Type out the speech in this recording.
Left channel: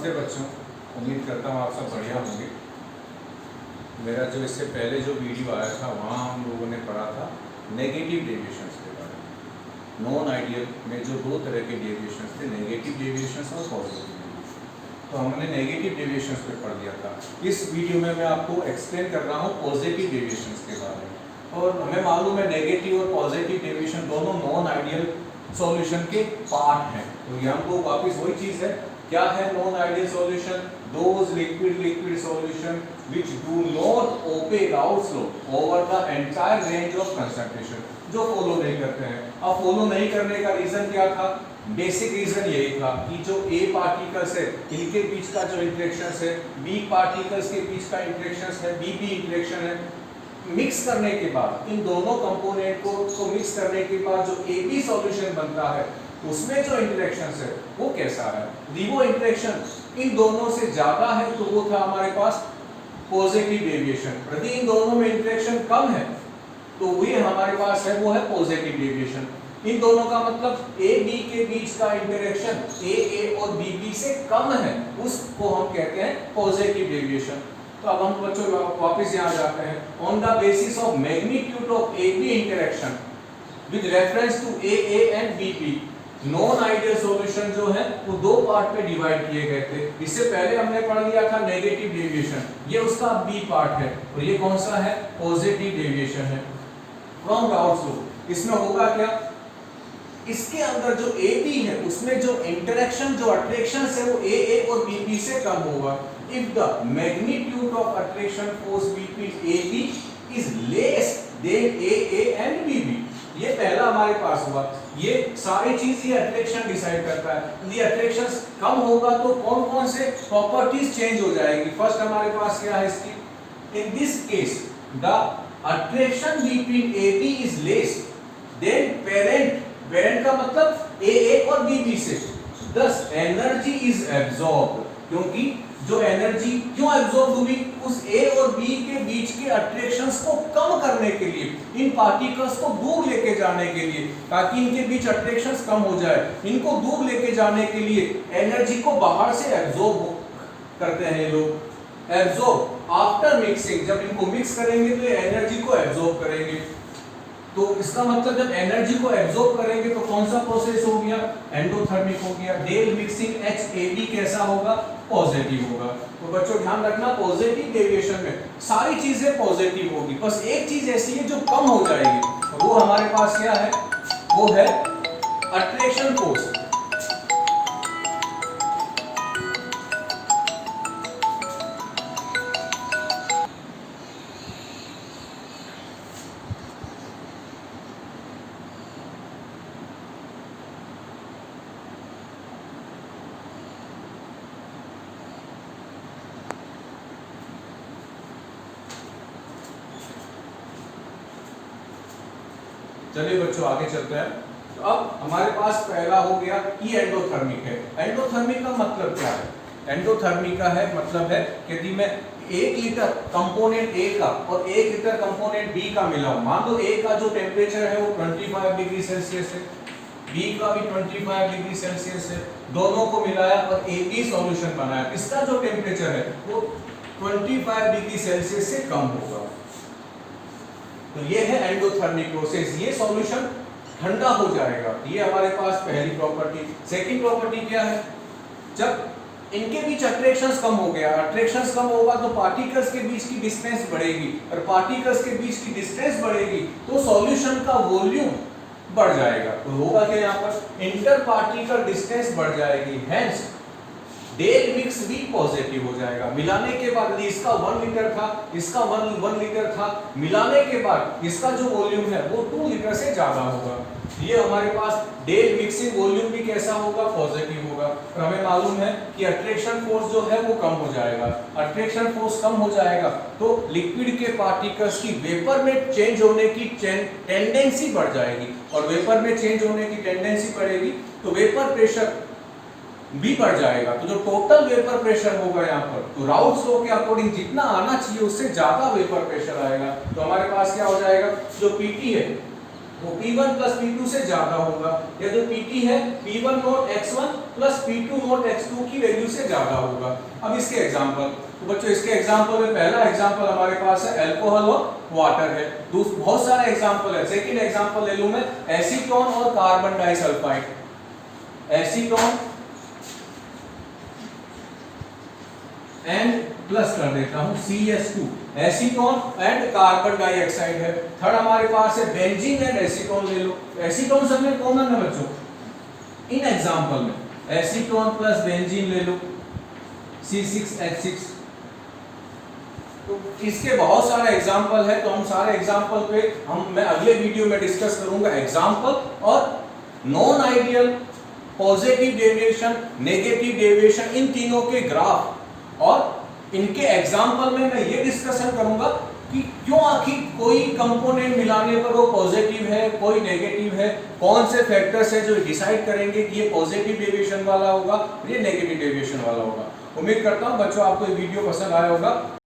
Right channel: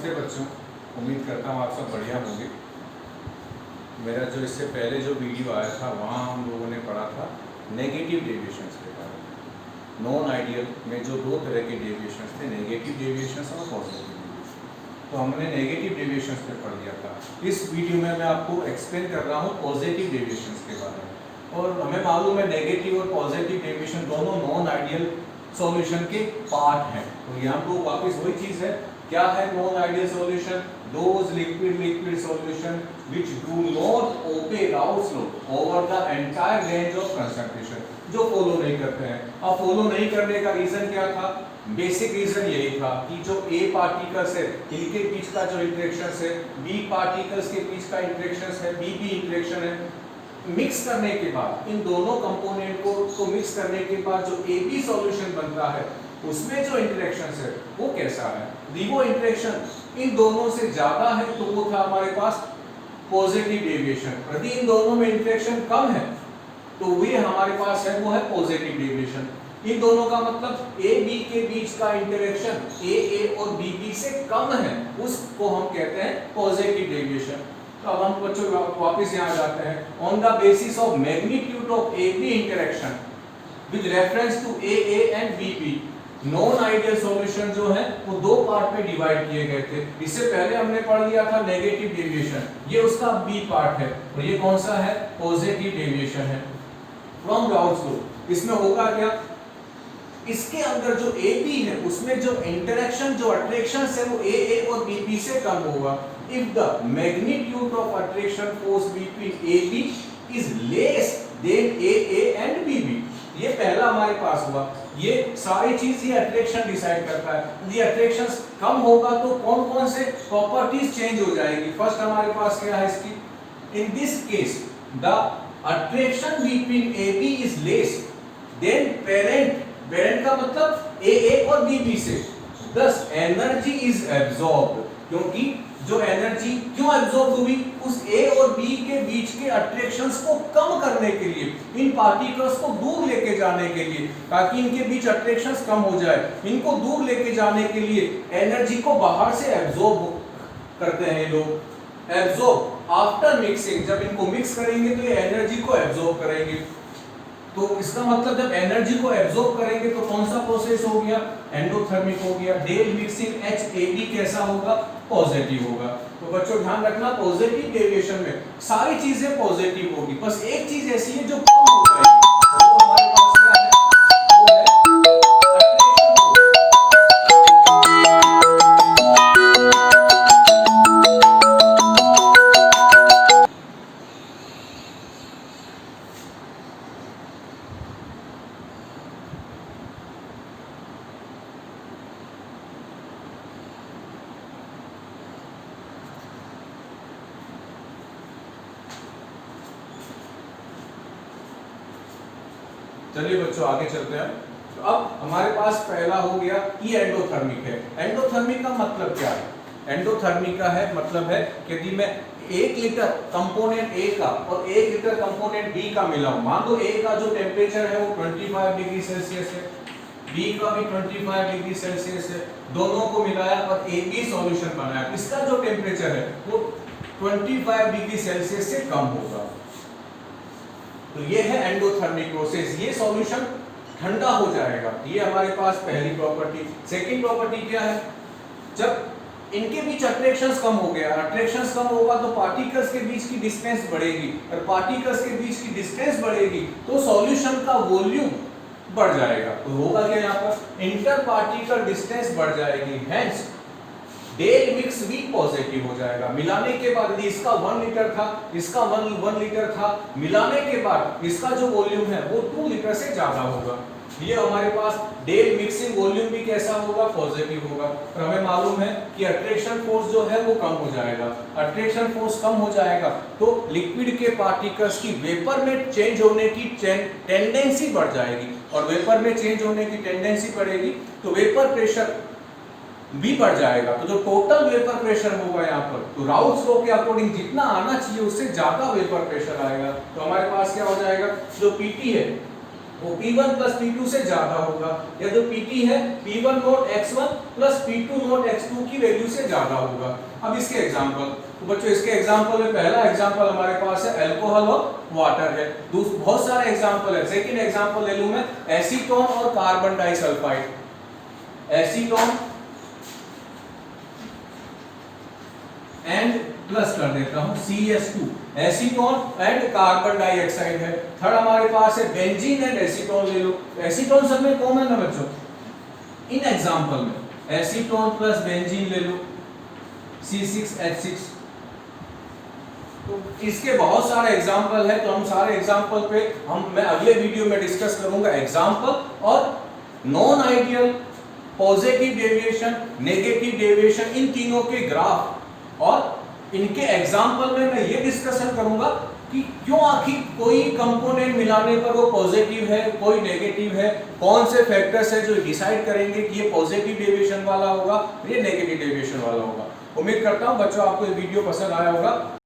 नमस्ते बच्चों, उम्मीद करता हूँ आप सब बढ़िया होंगे। मेरा जो इससे पहले जो वीडियो आया था वहाँ हम लोगों ने पढ़ा था नेगेटिव डेविएशंस के बारे में। नॉन आइडियल में जो दो तरह के डेविएशंस थे, नेगेटिव डेविएशंस और पॉजिटिव डेविएशन। तो हमने नेगेटिव डेविएशंस पे पढ़ लिया था। इस वीडियो में मैं आपको एक्सप्लेन कर रहा हूँ पॉजिटिव डेविएशंस के बारे में। और हमें मालूम है नेगेटिव और पॉजिटिव डेविएशन दोनों नॉन आइडियल सॉल्यूशन के पार्ट हैं। तो यहाँ को वापस वही चीज़ है, क्या है non ideal solution? Those liquid solution which do not obey Raoult's law over the entire range of concentration, जो फॉलो नहीं करते हैं। अब फॉलो नहीं करने का रीजन क्या था? बेसिक रीजन यही था कि जो ए पार्टिकल्स है इनके बीच का जो इंटरेक्शन है, बी पार्टिकल्स के बीच का इंटरेक्शन है, बी इंटरेक्शन है, मिक्स करने के बाद इन दोनों कंपोनेंट को मिक्स करने के बाद जो ए बी सॉल्यूशन बनता है उसमें जो इंटरेक्शन है वो कैसा है? यदि वो इंटरेक्शन इन दोनों से ज्यादा है तो वो था हमारे पास पॉजिटिव डेविएशन। यदि इन दोनों में इंटरेक्शन कम है तो वो हमारे पास है वो है पॉजिटिव डेविएशन। इन दोनों का मतलब ए बी के बीच का इंटरेक्शन ए और बी से कम है, उसको हम कहते हैं पॉजिटिव डेविएशन। तो अब हम बच्चों वापस यहाँ जाते हैं। On the basis of magnitude of A B interaction with reference to A and B, non ideal solution जो है वो दो पार्ट में डिवाइड किए गए थे। इससे पहले हमने पढ़ लिया था नेगेटिव डेविएशन, ये उसका बी पार्ट है, और ये कौन सा है? पॉजिटिव डेविएशन है फ्रॉम राउल्स लॉ। इसमें होगा क्या? इसके अंदर जो ए बी है उसमें जो इंटरेक्शन जो अट्रैक्शन है वो ए और बी से कम होगा। If the magnitude of attraction force between A B is less than A and B, ये पहला हमारे पास हुआ। ये सारी चीज ये अट्रैक्शन डिसाइड करता है। यदि अट्रैक्शन कम होगा तो कौन कौन से प्रॉपर्टीज चेंज हो जाएगी? फर्स्ट हमारे पास क्या है इसकी? In this case the attraction between A B is less than parent का मतलब ए और बी से, thus एनर्जी इज एब्जॉर्ब्ड, क्योंकि जो एनर्जी क्यों एब्जॉर्ब हुई? उस ए और बी के बीच के अट्रैक्शंस को कम करने के लिए, इन पार्टिकल्स को दूर लेके जाने के लिए, ताकि इनके बीच अट्रैक्शंस कम हो जाए, इनको दूर लेके जाने के लिए एनर्जी को बाहर से एब्जॉर्ब करते हैं लोग। एब्जॉर्ब आफ्टर मिक्सिंग, जब इनको मिक्स करेंगे तो ये एनर्जी को एब्जॉर्ब करेंगे। तो इसका मतलब जब एनर्जी को एब्जॉर्ब करेंगे तो कौन सा प्रोसेस हो गया? एंडोथर्मिक हो गया। डेल मिक्सिंग HAB कैसा होगा? पॉजिटिव होगा। तो बच्चों ध्यान रखना, पॉजिटिव डेविएशन में सारी चीजें पॉजिटिव होगी, बस एक चीज ऐसी है जो कम हो जाएगी, वो हमारे पास क्या है? वो है अट्रैक्शन फोर्स। चलिए बच्चों आगे चलते हैं। तो अब हमारे पास पहला हो गया कि एंडोथर्मिक है। एंडोथर्मिक का मतलब क्या है? एंडोथर्मिक का है मतलब है कि यदि मैं 1 लीटर कंपोनेंट ए का और 1 लीटर कंपोनेंट बी का मिलाऊं, मान लो ए का जो टेम्परेचर है वो 25 डिग्री सेल्सियस है, बी का भी 25 डिग्री सेल्सियस है, दोनों को मिलाया और ए बी सॉल्यूशन बनाया, इसका जो टेम्परेचर है वो 25 डिग्री सेल्सियस से कम होगा। तो ये है एंडोथर्मिक प्रोसेस, ये सॉल्यूशन ठंडा हो जाएगा। ये हमारे पास पहली प्रॉपर्टी। सेकंड प्रॉपर्टी क्या है? जब इनके बीच अट्रैक्शंस कम हो गया, अट्रैक्शंस कम होगा तो पार्टिकल्स के बीच की डिस्टेंस बढ़ेगी, और पार्टिकल्स के बीच की डिस्टेंस बढ़ेगी तो सॉल्यूशन का वॉल्यूम बढ़ जाएगा। तो होगा क्या? यहाँ पर इंटर पार्टिकल डिस्टेंस बढ़ जाएगी, हेंस डेल मिक्स भी पॉजिटिव हो जाएगा। मिलाने के बाद यदि इसका 1 लीटर था, इसका 1 लीटर था, मिलाने के बाद इसका जो वॉल्यूम है वो 2 लीटर से ज्यादा होगा। ये हमारे पास डेल मिक्सिंग वॉल्यूम भी कैसा होगा? पॉजिटिव होगा। और हमें मालूम है कि अट्रैक्शन फोर्स जो है वो कम हो जाएगा। अट्रैक्शन फोर्स कम हो जाएगा तो लिक्विड के पार्टिकल्स की वेपर में चेंज होने की टेंडेंसी बढ़ जाएगी, और वेपर में चेंज होने की टेंडेंसी बढ़ेगी तो वेपर प्रेशर भी बढ़ जाएगा। तो जो टोटल वेपर प्रेशर होगा यहाँ पर, तो राउल्स लॉ के अकॉर्डिंग जितना आना चाहिए उससे ज्यादा वेपर प्रेशर आएगा। तो हमारे पास क्या हो जाएगा? जो पीटी है वो P1 प्लस P2 से ज्यादा होगा, या जो PT है P1 note x1 plus P2 note x2 की वैल्यू से ज्यादा होगा। अब इसके एग्जांपल, तो बच्चों इसके एग्जांपल में पहला एग्जांपल हमारे पास है अल्कोहल और वाटर है। बहुत सारे एग्जांपल है। सेकंड एग्जांपल ले लूं मैं एसीटोन और carbon disulphide, acetone and plus कर देता हूं CH2, acetone and carbon dioxide है। थर्ड हमारे पास है बेंजीन एंड एसीटोन ले लो, एसीटोन सब में कॉमन है बच्चों। इन एग्जांपल में एसीटोन प्लस बेंजीन ले लो C6H6। तो इसके बहुत सारे एग्जांपल है, तो हम सारे एग्जांपल पे मैं अगले वीडियो में डिस्कस करूंगा एग्जांपल और non ideal, positive deviation, negative deviation, इन तीनों के ग्राफ, और इनके एग्जाम्पल में मैं ये डिस्कशन करूंगा कि क्यों आखिर कोई कंपोनेंट मिलाने पर वो पॉजिटिव है, कोई नेगेटिव है, कौन से फैक्टर्स है जो डिसाइड करेंगे कि ये पॉजिटिव डेविएशन वाला होगा, ये नेगेटिव डेविएशन वाला होगा। उम्मीद करता हूं बच्चों आपको ये वीडियो पसंद आया होगा।